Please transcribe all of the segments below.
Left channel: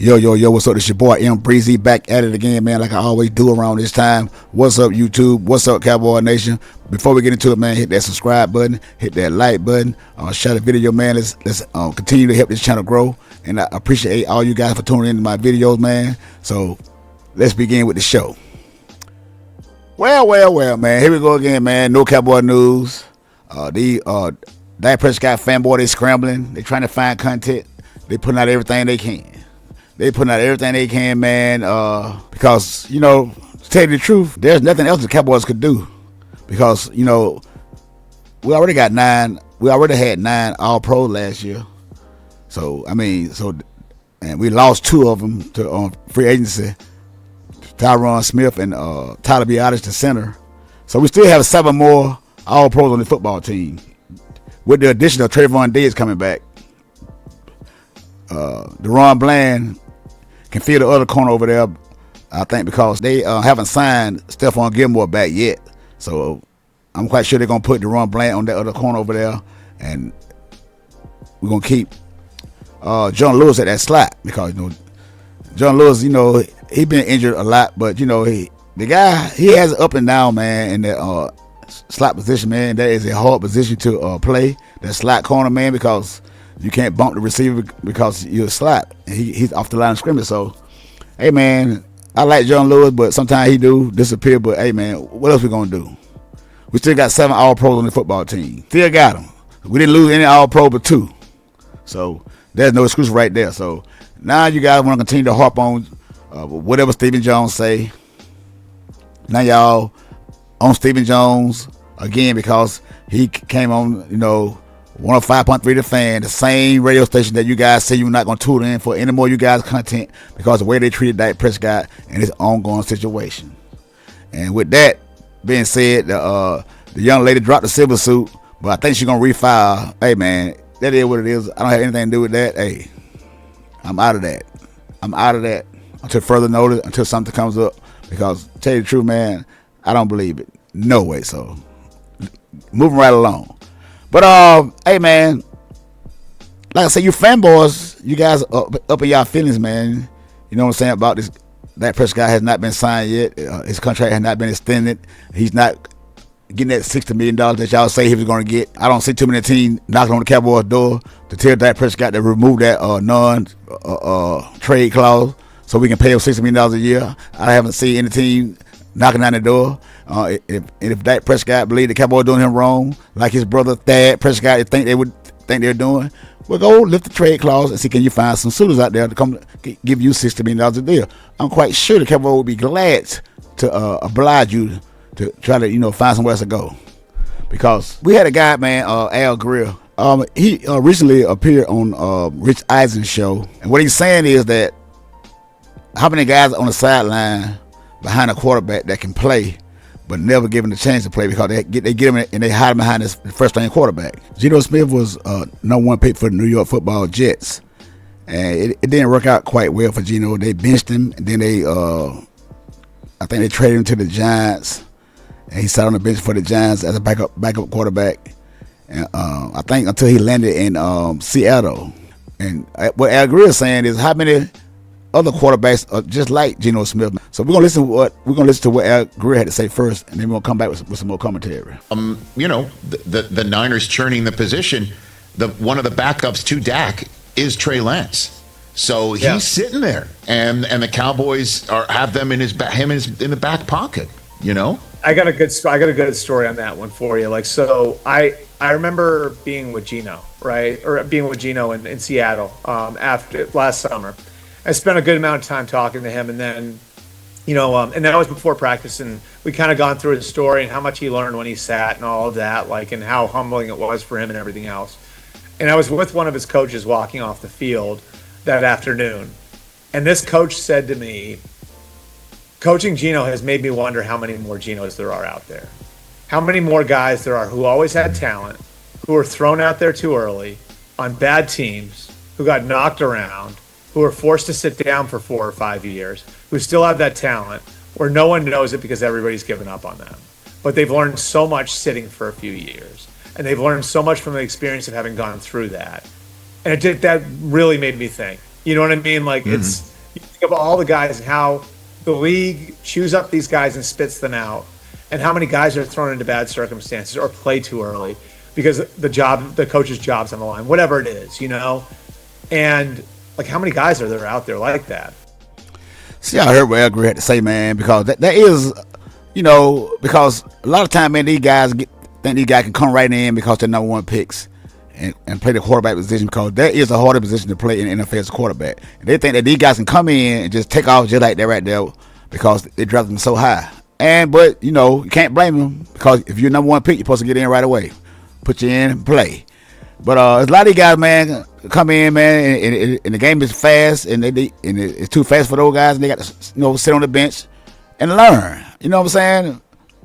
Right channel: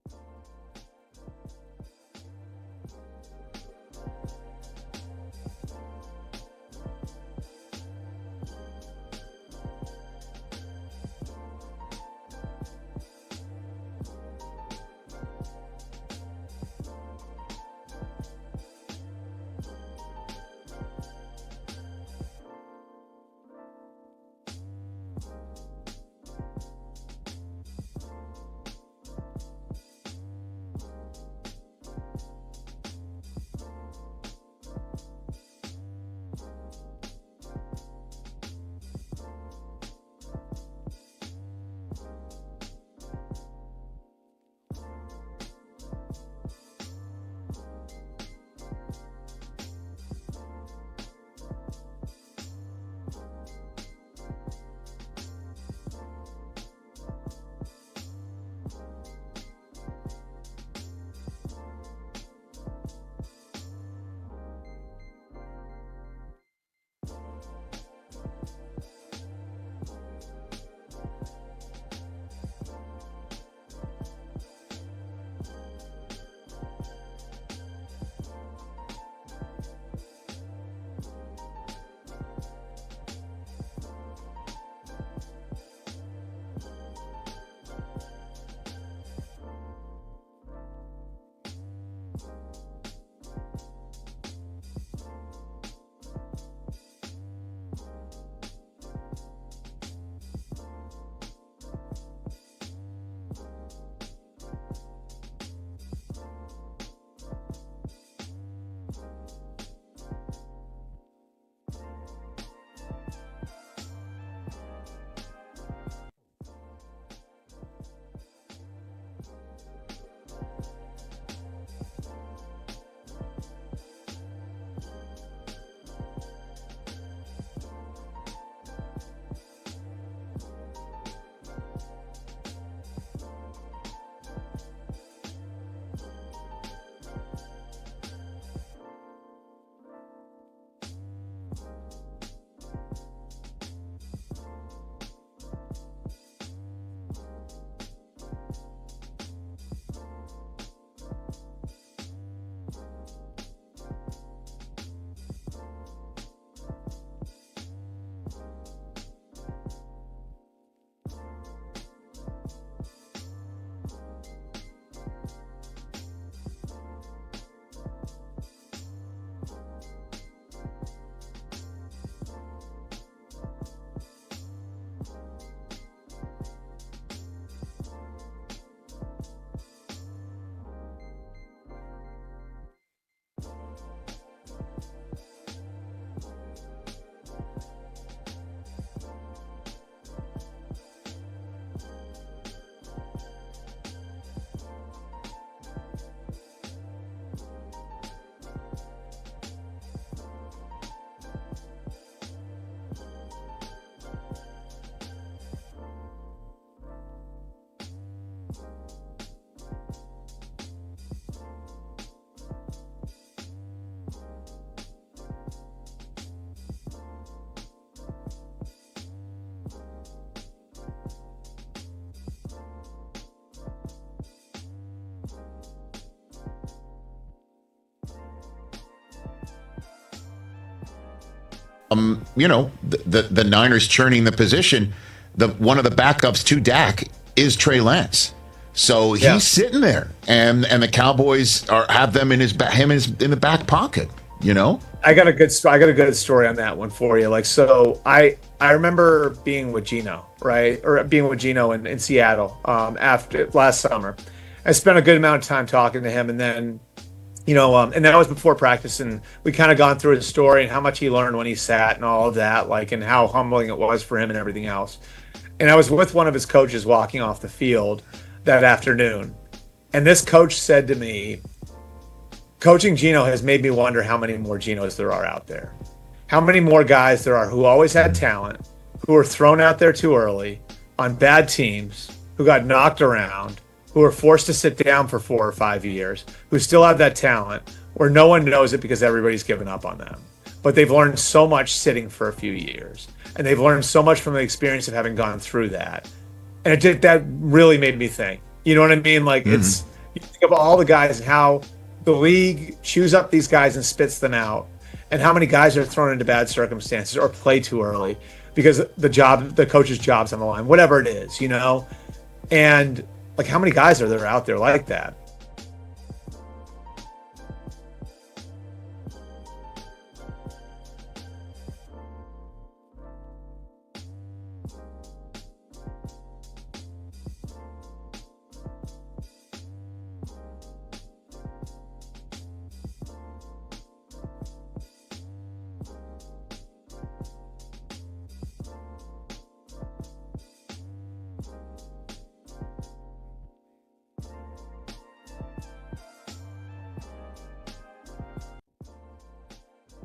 Yo, what's up? This your boy M Breezy back at it again, man, like I always do around this time. What's up, YouTube? What's up, Cowboy Nation? Before we get into it, man, hit that subscribe button, hit that like button, share the video, man. Let's continue to help this channel grow. And I appreciate all you guys for tuning into my videos, man. So let's begin with the show. Well, man, here we go again, man. No Cowboy news. Dak Prescott fanboy, they scrambling. They trying to find content. They putting out everything they can. Man, because, to tell you the truth, there's nothing else the Cowboys could do. Because, we already had 9 All-Pro last year. So, and we lost 2 of them to free agency. Tyron Smith and Tyler Biadasz, the center. So we still have 7 more All-Pros on the football team. With the addition of Trayvon Diggs coming back. Deron Bland can feel the other corner over there, I think, because they haven't signed Stephon Gilmore back yet. So I'm quite sure they're going to put Deron Bland on that other corner over there. And we're going to keep John Lewis at that slot because, John Lewis, he been injured a lot. But, the guy, he has an up and down, man, in that slot position, man. That is a hard position to play, that slot corner, man, because you can't bump the receiver because you're a slot. And he's off the line of scrimmage. So, hey, man, I like John Lewis, but sometimes he do disappear. But, hey, man, what else we going to do? We still got 7 All-Pros on the football team. Still got them. We didn't lose any All-Pro but 2. So, there's no excuse right there. So, now you guys want to continue to harp on whatever Stephen Jones say. Now y'all on Stephen Jones again because he came on, 105.3 The Fan, the same radio station that you guys say you're not going to tune in for any more you guys' content because of the way they treated Dak Prescott and his ongoing situation. And with that being said, the young lady dropped the silver suit, but I think she's going to refile. Hey, man, that is what it is. I don't have anything to do with that. Hey, I'm out of that until further notice, until something comes up. Because, to tell you the truth, man, I don't believe it. No way. So, moving right along. But, hey, man, like I said, you fanboys, you guys up in y'all feelings, man. You know what I'm saying about this? Dak Prescott has not been signed yet. His contract has not been extended. He's not getting that $60 million that y'all say he was going to get. I don't see too many teams knocking on the Cowboys' door to tell Dak Prescott to remove that non-trade clause so we can pay him $60 million a year. I haven't seen any team knocking on the door. If Dak Prescott believe the Cowboys doing him wrong, like his brother Thad Prescott think they're doing, well, go lift the trade clause and see can you find some suitors out there to come give you $60 million a deal. I'm quite sure the Cowboys would be glad to oblige you to try to find somewhere else to go, because we had a guy, man, Al Greer. He recently appeared on Rich Eisen's show, and what he's saying is that how many guys on the sideline behind a quarterback that can play but never given the chance to play because they get him and they hide him behind this first-string quarterback. Geno Smith was number 1 pick for the New York Football Jets, and it didn't work out quite well for Geno. They benched him, and then I think they traded him to the Giants, and he sat on the bench for the Giants as a backup quarterback. And I think until he landed in Seattle. And what Al Greer is saying is how many other quarterbacks are just like Geno Smith. So we're gonna listen to what Al Greer had to say first, and then we're gonna come back with some more commentary. The Niners churning the position. One of the backups to Dak is Trey Lance. So he's sitting there, and the Cowboys have them in him in the back pocket. I got a good story on that one for you. I remember being with Geno, right, or being with Geno in Seattle after last summer. I spent a good amount of time talking to him, and then, and that was before practice, and we kind of gone through his story and how much he learned when he sat and all of that, and how humbling it was for him and everything else. And I was with one of his coaches walking off the field that afternoon, and this coach said to me, coaching Geno has made me wonder how many more Genos there are out there. How many more guys there are who always had talent, who were thrown out there too early on bad teams, who got knocked around, who were forced to sit down for 4 or 5 years, who still have that talent, where no one knows it because everybody's given up on them. But they've learned so much sitting for a few years. And they've learned so much from the experience of having gone through that. And that really made me think. You know what I mean? think of all the guys and how the league chews up these guys and spits them out, and how many guys are thrown into bad circumstances or play too early because the coach's job's on the line, whatever it is, and like how many guys are there out there like that? See, I heard what Edgar had to say, man, because that is, because a lot of time, man, these guys think these guys can come right in because they're number one picks and play the quarterback position, because that is a harder position to play in the NFL as a quarterback. And they think that these guys can come in and just take off just like that right there because they draft them so high. But you can't blame them, because if you're number one pick, you're supposed to get in right away, put you in and play. But there's a lot of these guys, man, come in, man, and the game is fast, and it's too fast for those guys, and they got to sit on the bench and learn. You know what I'm saying?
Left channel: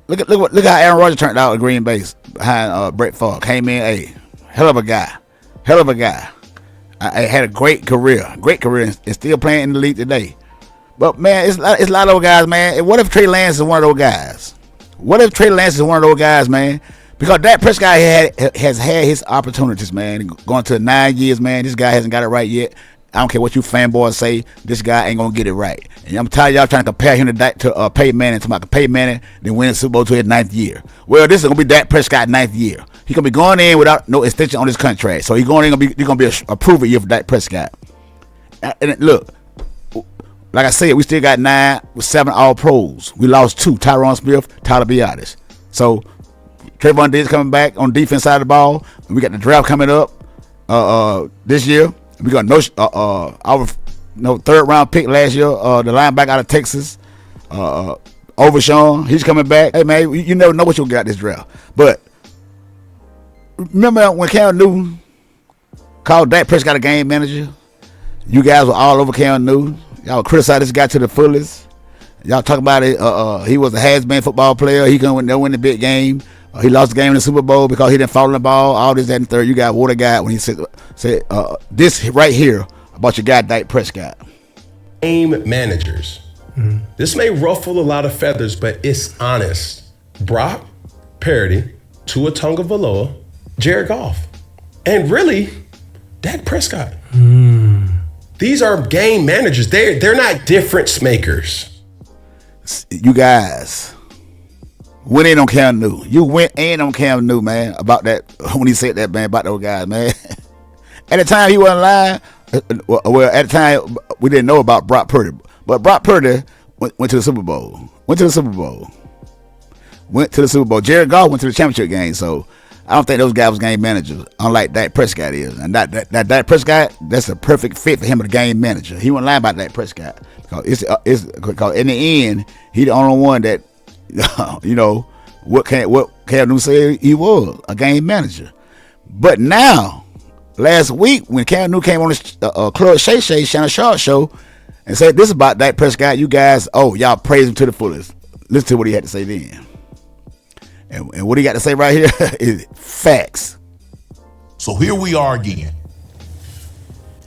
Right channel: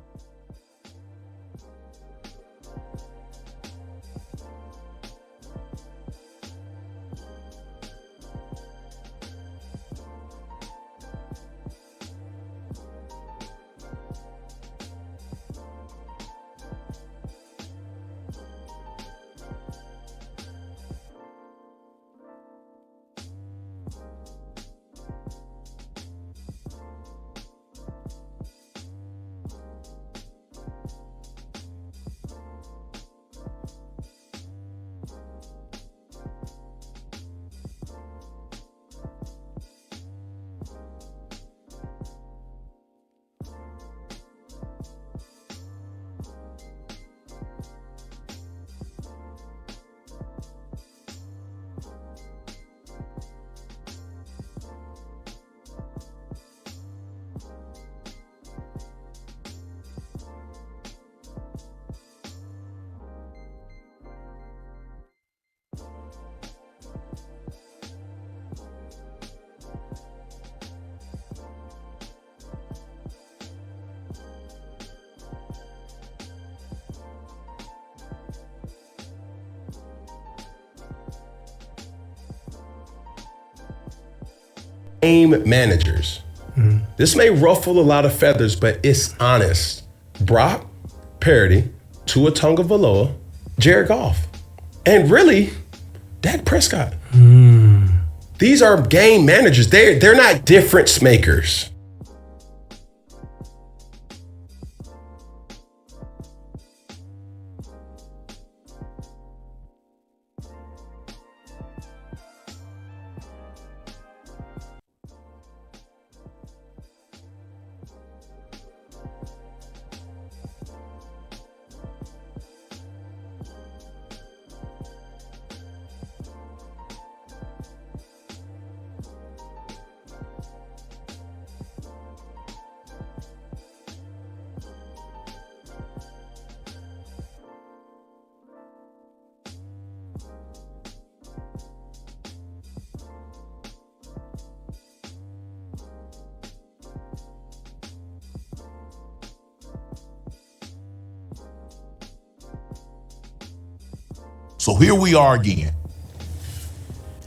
Look how Aaron Rodgers turned out at Green Bay behind Brett Favre. Came in, hell of a guy. I had a great career, and still playing in the league today. But man, it's a lot of those guys, man. And what if Trey Lance is one of those guys? Man? Because Dak Prescott has had his opportunities, man. Going to 9 years, man. This guy hasn't got it right yet. I don't care what you fanboys say. This guy ain't gonna get it right. And I'm tired of y'all trying to compare him to Peyton Manning. To Peyton Manning, then win the Super Bowl to his 9th year. Well, this is gonna be Dak Prescott's 9th year. He gonna be going in without no extension on his contract. So he's gonna be a proven year for Dak Prescott. And look, like I said, we still got 9 with 7 All Pros. We lost 2: Tyron Smith, Tyler Biadasz. So Trayvon Diggs coming back on the defense side of the ball. We got the draft coming up this year. We got our third round pick last year, the linebacker out of Texas, Overshawn. He's coming back. Hey man, you never know what you'll get this draft. But remember when Cam Newton called Dak Prescott a game manager? You guys were all over Cam Newton. Y'all criticized this guy to the fullest. Y'all talk about it. He was a has-been football player. He couldn't win the big game. He lost the game in the Super Bowl because he didn't follow the ball. All this, that, and third. You got what a guy when he said this right here about your guy Dak Prescott. Game managers. Mm-hmm. This may ruffle a lot of feathers, but it's honest. Brock Purdy, Tua Tagovailoa, Jared Goff, and really, Dak Prescott. These are game managers. They're not difference makers. You guys went in on Cam Newton. You went in on Cam Newton, man, about that when he said that, man, about those guys, man. At the time, he wasn't lying. Well, at the time, we didn't know about Brock Purdy. But Brock Purdy went to the Super Bowl. Jared Goff went to the championship game. So I don't think those guys was game managers, unlike Dak Prescott is. And that Dak Prescott, that's a perfect fit for him as a game manager. He wasn't lying about Dak Prescott. Because in the end, he the only one that, what Cam Newton said he was, a game manager. But now, last week, when Cam Newton came on the Club Shay Shannon Sharp show and said this about Dak Prescott, you guys, y'all praise him to the fullest. Listen to what he had to say then. And what he got to say right here is facts. So here we are again.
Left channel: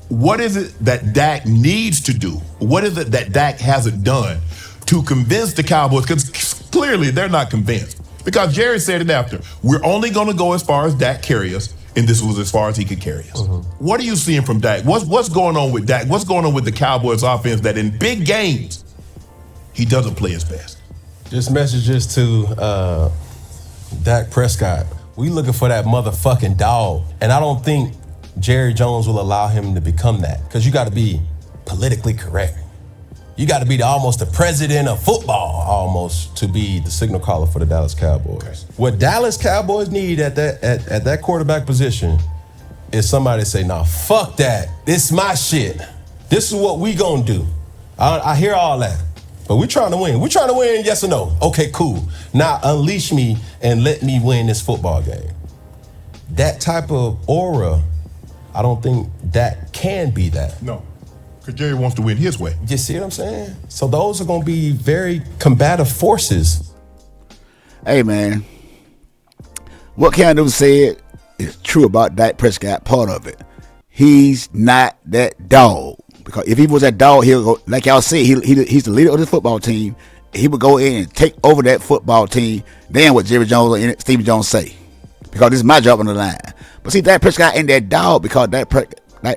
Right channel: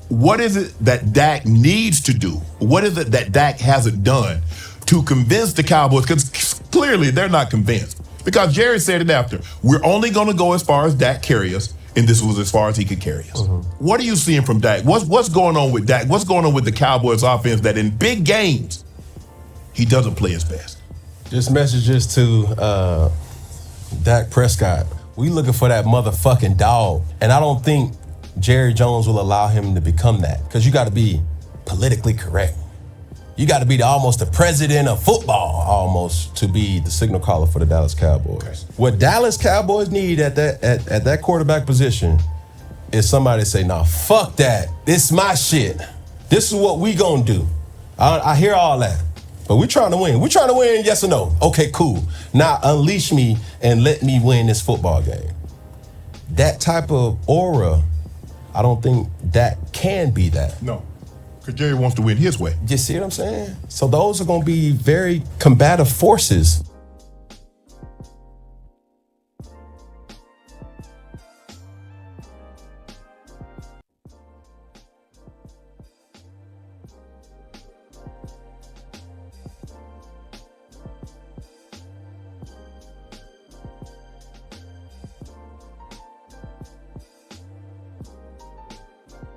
What is it that Dak needs to do? What is it that Dak hasn't done to convince the Cowboys? Because clearly they're not convinced. Because Jerry said it after. We're only going to go as far as Dak carry us, and this was as far as he could carry us. Mm-hmm. What are you seeing from Dak? What's going on with Dak? What's going on with the Cowboys offense that in big games, he doesn't play his best? Just messages to Dak Prescott. We looking for that motherfucking dog. And I don't think Jerry Jones will allow him to become that, because you got to be politically correct. You got to be almost the president of football, almost, to be the signal caller for the Dallas Cowboys. Okay. What Dallas Cowboys need at that quarterback position is somebody to say, nah, fuck that. This is my shit. This is what we gonna do. I hear all that, but we trying to win. We trying to win, yes or no? Okay, cool. Now unleash me and let me win this football game. That type of aura, I don't think that can be that. No, because Jerry wants to win his way. You see what I'm saying? So those are going to be very combative forces. Hey, man, what Cam Newton said is true about Dak Prescott, part of it. He's not that dog. Because if he was that dog, he'll go, like y'all said, he's the leader of the football team. He would go in and take over that football team than what Jerry Jones and Steve Jones say. Because this is my job on the line. But see, Dak Prescott ain't that dog because Dak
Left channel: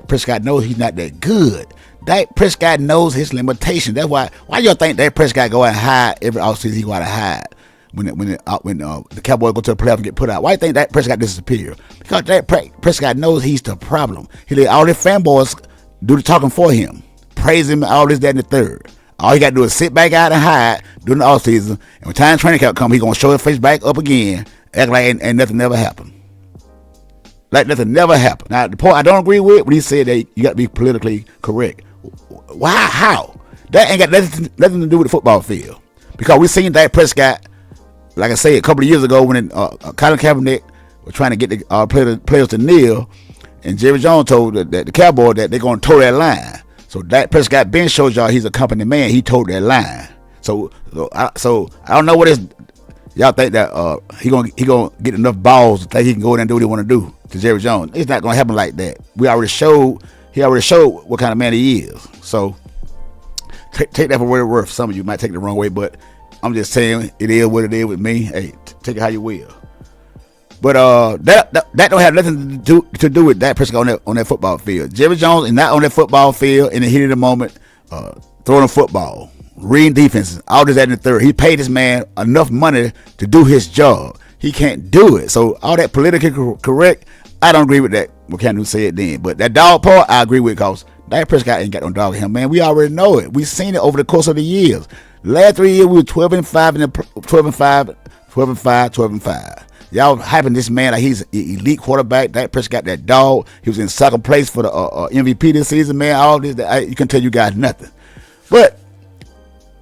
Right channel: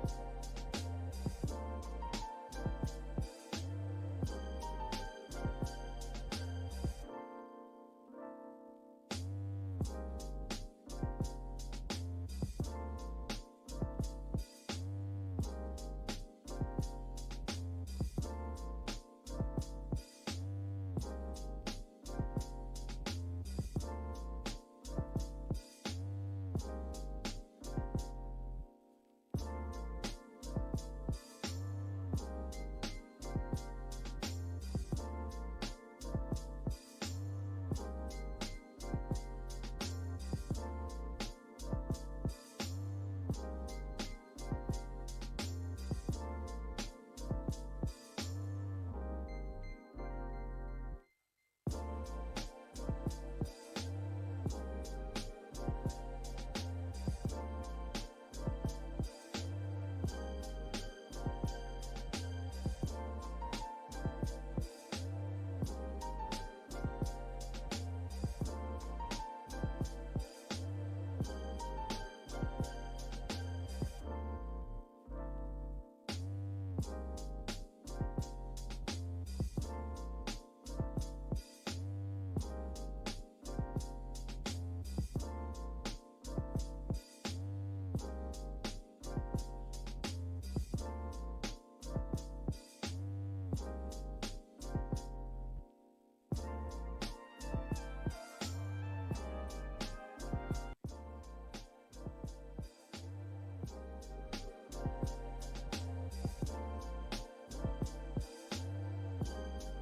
Prescott knows he's not that good Dak Prescott knows his limitations. That's why y'all think Dak Prescott go out and hide every offseason? He go out and hide when the Cowboys go to the playoffs and get put out. Why you think Dak Prescott disappear? Because Dak Prescott knows he's the problem. He let all the fanboys do the talking for him, praise him, all this, that, and the third. All he got to do is sit back out and hide during the offseason. And when time training camp come, he gonna show his face back up again, act like ain't nothing never happened. Like nothing never happened. Now, the point I don't agree with when he said that you got to be politically correct. Why? How? That ain't got nothing to do with the football field. Because we seen Dak Prescott, like I said, a couple of years ago when Colin Kaepernick was trying to get the players to kneel, and Jerry Jones told the Cowboys that they're going to toe that line. So Dak Prescott Ben shows y'all he's a company man. He told that line. So I don't know what is. Y'all think that he gonna get enough balls to think he can go in and do what he want to do to Jerry Jones? It's not gonna happen like that. He already showed what kind of man he is. So take that for what it's worth. Some of you might take it the wrong way, but I'm just saying it is what it is with me. Hey, take it how you will. But that don't have nothing to do with Dak Prescott on that football field. Jerry Jones is not on that football field in the heat of the moment, throwing a football, reading defenses, all this, that, and the third. He paid this man enough money to do his job. He can't do it. So all that politically correct, I don't agree with that. What Cam said then. But that dog part, I agree with, because Dak Prescott ain't got no dog in him, man. We already know it. We've seen it over the course of the years. Last 3 years, we were 12-5. Y'all hyping this man like he's an elite quarterback. Dak Prescott, that dog. He was in second place for the MVP this season, man. All this, you can tell you guys nothing. But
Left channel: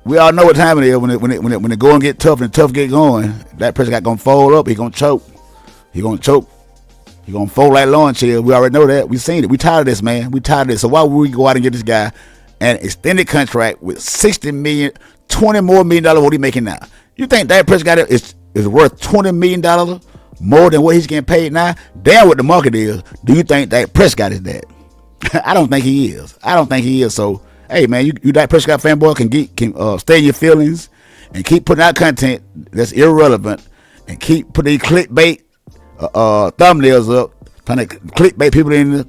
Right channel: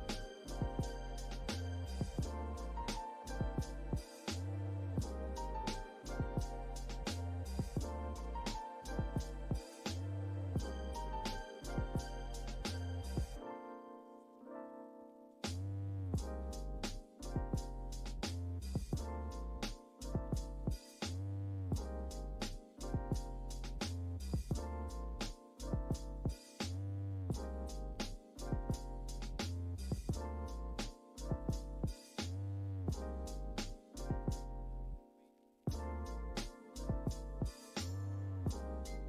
we all know what time it is when the going get tough and the tough get going. Dak Prescott gonna fold up. He gonna choke. He gonna fold like lawn chair. We already know that. We seen it. We tired of this, man. We tired of this. So why would we go out and get this guy an extended contract with $60 million, $20 more million what he making now? You think Dak Prescott is worth $20 million more than what he's getting paid now? Damn what the market is. Do you think Dak Prescott is that? I don't think he is. So, hey, man, you Dak Prescott fanboy can stay in your feelings and keep putting out content that's irrelevant and keep putting these clickbait thumbnails up, trying to clickbait people in,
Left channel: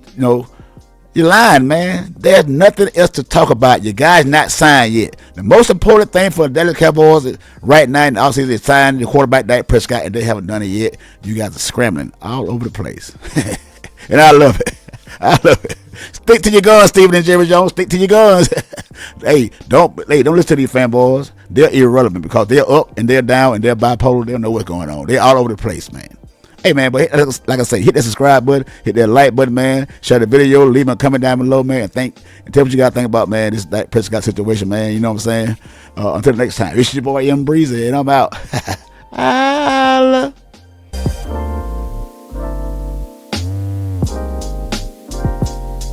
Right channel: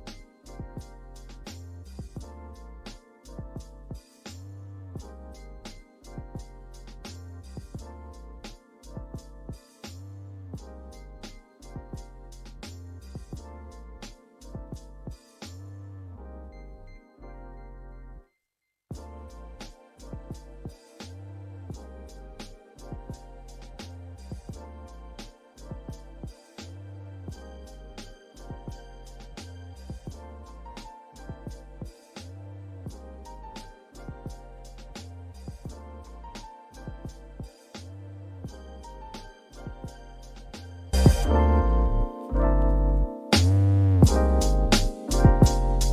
you're lying, man. There's nothing else to talk about. Your guy's not signed yet. The most important thing for the Dallas Cowboys right now in the offseason is signing the quarterback Dak Prescott, and they haven't done it yet. You guys are scrambling all over the place. And I love it. Stick to your guns, Stephen and Jerry Jones. Stick to your guns. Hey, don't listen to these fanboys. They're irrelevant because they're up and they're down and they're bipolar. They don't know what's going on. They're all over the place, man. Hey, man, but like I say, hit that subscribe button, hit that like button, man. Share the video, leave a comment down below, man, and tell what you got to think about, man, this Dak Prescott situation, man. You know what I'm saying? Until next time, it's your boy M Breezy, and I'm out. Holla.